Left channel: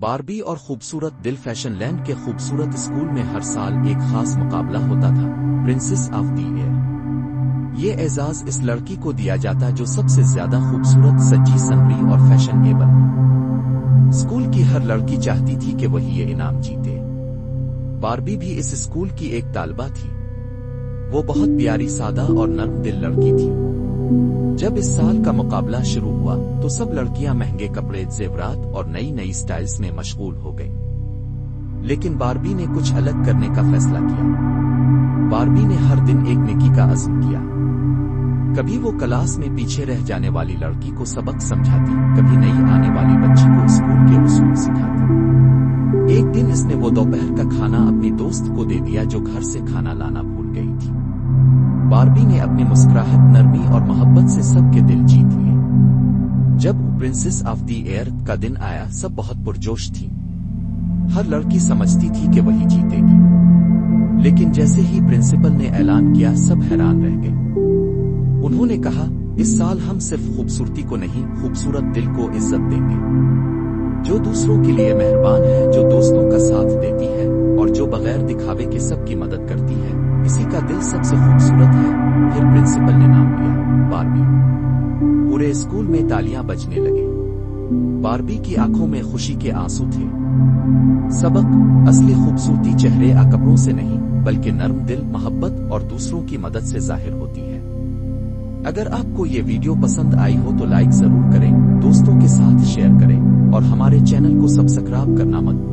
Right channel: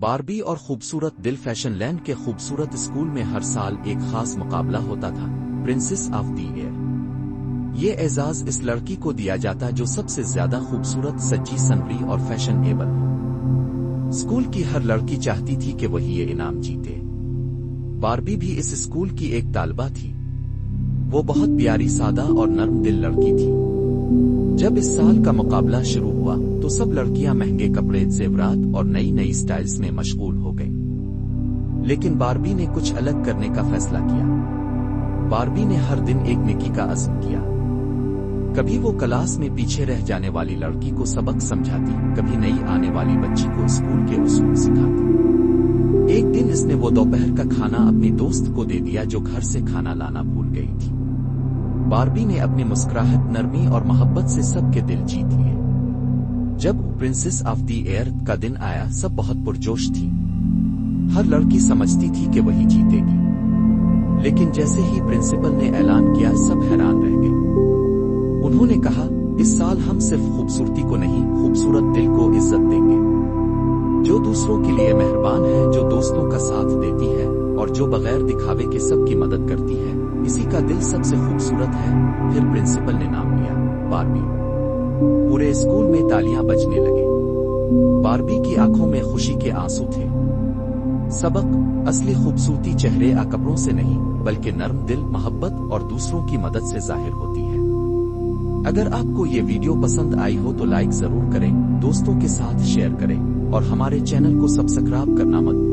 باربی اور خوبصورت دل فیشن لینڈ کے خوبصورت اسکول میں ہر سال ایک خاص مقابلہ ہوتا تھا، پرنسس آف دی ایئر۔ یہ اعزاز اس لڑکی کو دیا جاتا جو سب سے زیادہ خوبصورت، سجی سنوری اور فیشن ایبل ہو۔ اسکول کی ہر لڑکی چاہتی تھی کہ وہی یہ انعام جیتے۔ باربی بھی اس اسکول کی ایک طالبہ تھی۔ وہ بہت پیاری، سادہ اور نرم دل لڑکی تھی۔ جب اس سال کا مقابلہ شروع ہوا تو سب لڑکیاں مہنگے کپڑے، زیورات اور نئی سٹائلز میں مشغول ہو گئیں، لیکن باربی نے کچھ الگ کرنے کا فیصلہ کیا۔ باربی نے ہر دن ایک نیکی کا عزم کیا۔ کبھی وہ کلاس میں پیچھے رہ جانے والی لڑکی کو سبق سمجھاتی، کبھی نئی آنے والی بچی کو اسکول کے اصول سکھاتی۔ ایک دن اس نے وہ دوپہر کا کھانا اپنی دوست کو دے دیا جو گھر سے کھانا لانا بھول گئی تھی۔ باربی نے اپنی مسکراہٹ، نرمی اور محبت سے سب کے دل جیت لیے۔ جب پرنسس آف دی ایئر کا دن آیا، سب بہت پرجوش تھی۔ ہر لڑکی سمجھتی تھی کہ وہی جیتے گی، لیکن جیسے ہی پرنسپل نے اعلان کیا، سب حیران رہ گئے۔ انہوں نے کہا، اس سال ہم صرف خوبصورتی کو نہیں، خوبصورت دل کو عزت دیں گے۔ جو دوسروں کے لیے مہربان ہے، جو دوستوں کا ساتھ دیتی ہے اور جو بغیر دکھاوے کے سب کی مدد کرتی ہے، اسی کا دل سب سے خوبصورت ہے۔ پھر پرنسپل نے نام لیا، باربی۔ پورے اسکول میں تالیاں بجنے لگے۔ باربی کی آنکھوں میں خوشی کے آنسو تھے۔ سبق: اصلی خوبصورتی چہرے یا کپڑوں سے نہیں، بلکہ نرم دل، محبت اور دوسروں کی مدد سے ظاہر ہوتی ہے۔ اگر آپ کو یہ ویڈیو پسند آئی ہو تو لائک ضرور کریں، دوستوں کے ساتھ شیئر کریں اور ہمارے چینل کو سبسکرائب کرنا مت بھولیں۔